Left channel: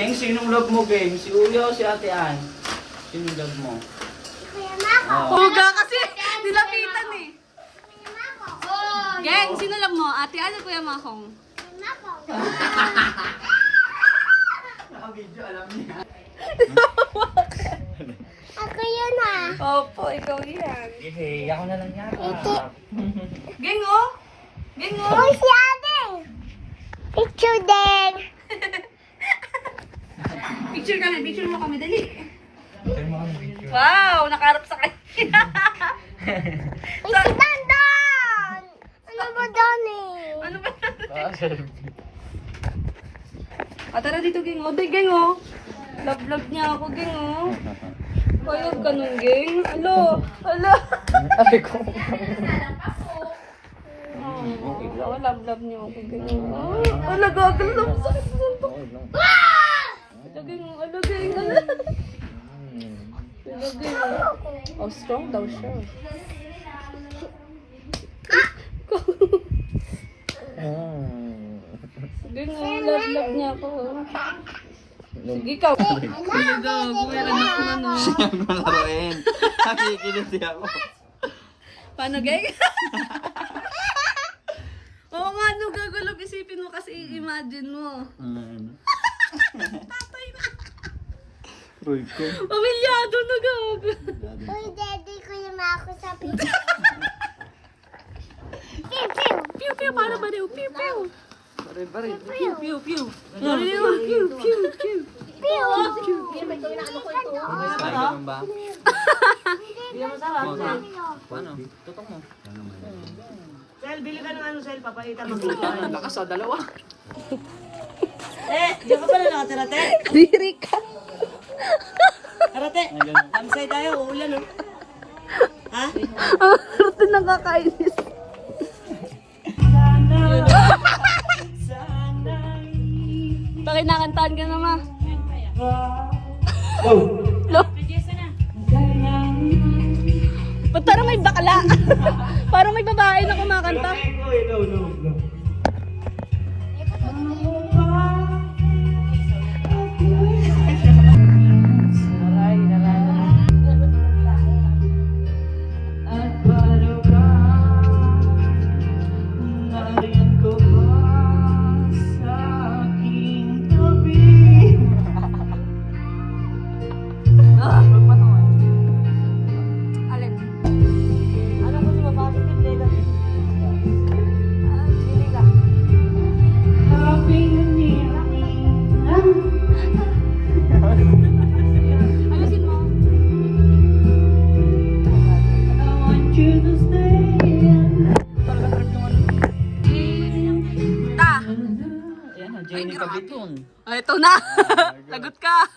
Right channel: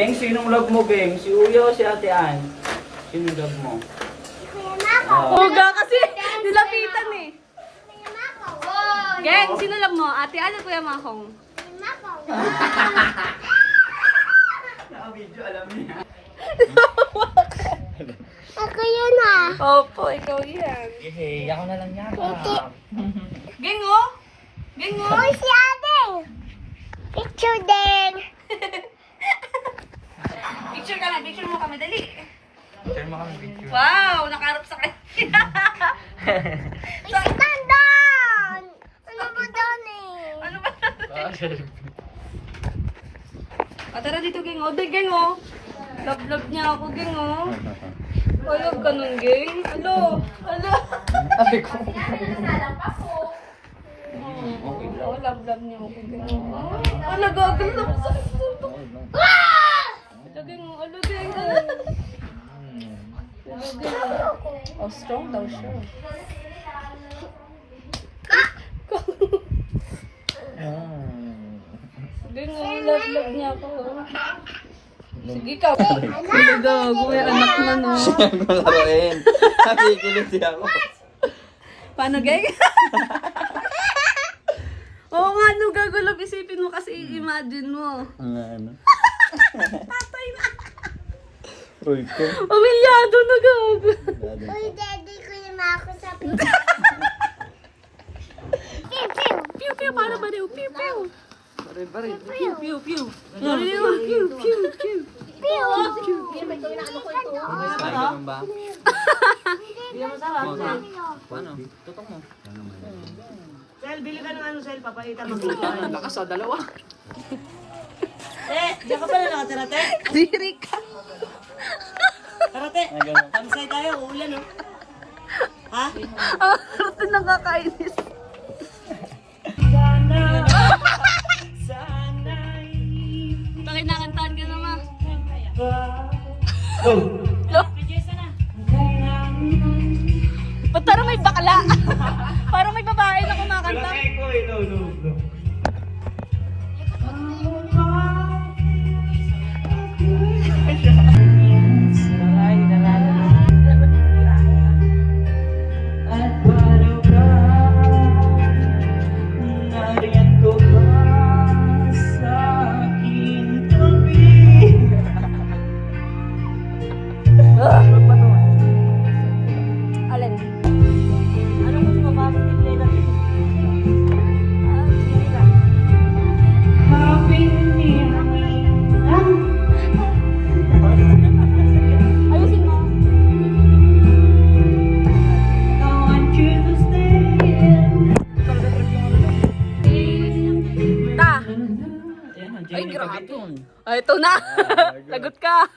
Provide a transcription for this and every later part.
Geng, sinong love mo, Geng? Si Uyo o si Ate Ann? Sinong love mo? Kuya Mako. Huga kasi nilapitan eh. Kuya Mako. Geng, sino love mo? Ate Ann o Kuya Makong? Kuya Mako. Naka-video, alam niya. Ako yun ah. Opo, ikaw yan. Hey, ako na lang yata. Geng oh! Geng oh! Uy, si Ate. Picture din. Picture ka na, picture mo kami, dali. Send mo kami video. Wow, nakaharap sa kanya. Uy, si Bandon. Ano ba doon eh? Ano ba? Tara dito, Geng oh. Geng oh. Love niya ako, Geng oh. Ayog ka nun, Geng. Alo. Sabi ko. Oh, love niya ako, Geng oh. Ala, gagal na. Sakit mo ito. Alo, Geng oh. Alo, Geng. Alo, Geng oh. Oh, strong daw siya. Geng oh, love niya ako. Sige ka. Gago, may anak na no. Siyang malaroin. Nakikilig ako. Paano, Geng? Oo nga, no, gagulo. Isipin mo kasi i-imagine mo. Ano? Tatay na. Roy ko. Pamilyado na gago. Uy, daddy, Kuya Mako sa picture. Pew, pew. Pew, pew, para ba daw? Pew, pew. Pare. Pew, pew, pew. Pew, pew, pew. Pew. Ay, ganun ba? Hindi masarap. Paano? Tutok mo. Sel, bili ka ng ano, Sel, papakita mo. Lakas sa dalawa. Diyan ka pala nakatira, te. Diri ka. Tara, te. Ay, ganun. Kamsay tayo, uulan, oh. Ha? Ang harto nakakainis. Bakit nakantaan ka naman? Lo? Ba't parang may bakla? Parang may babae na kumakanta. Alin? Ayusin mo. Ta! Ay, grabe. Ay, ito na! Lagot ka!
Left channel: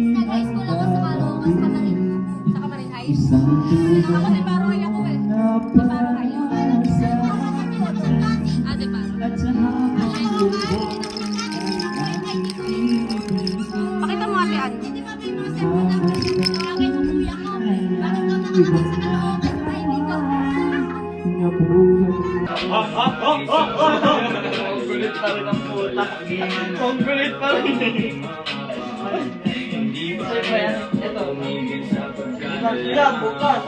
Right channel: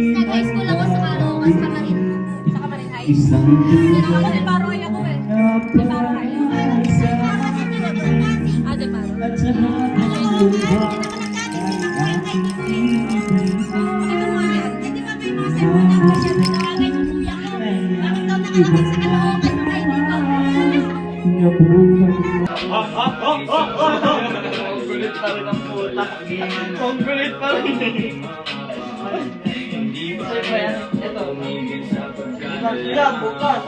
Nag-high school ako sa Caloocan, sa Kamarin High. Yan ako, de Paro High ako eh. De Paro High. Ah, di ba? Pakita mo kasi yan. Di ba may mga cellphone na ako siya nagtawagay sa kuya ko? Bakit daw nakalapit sa Caloocan tayo dito? Ang kulit pa rin ang puta. Ang kulit pa rin. Ito. Bukas.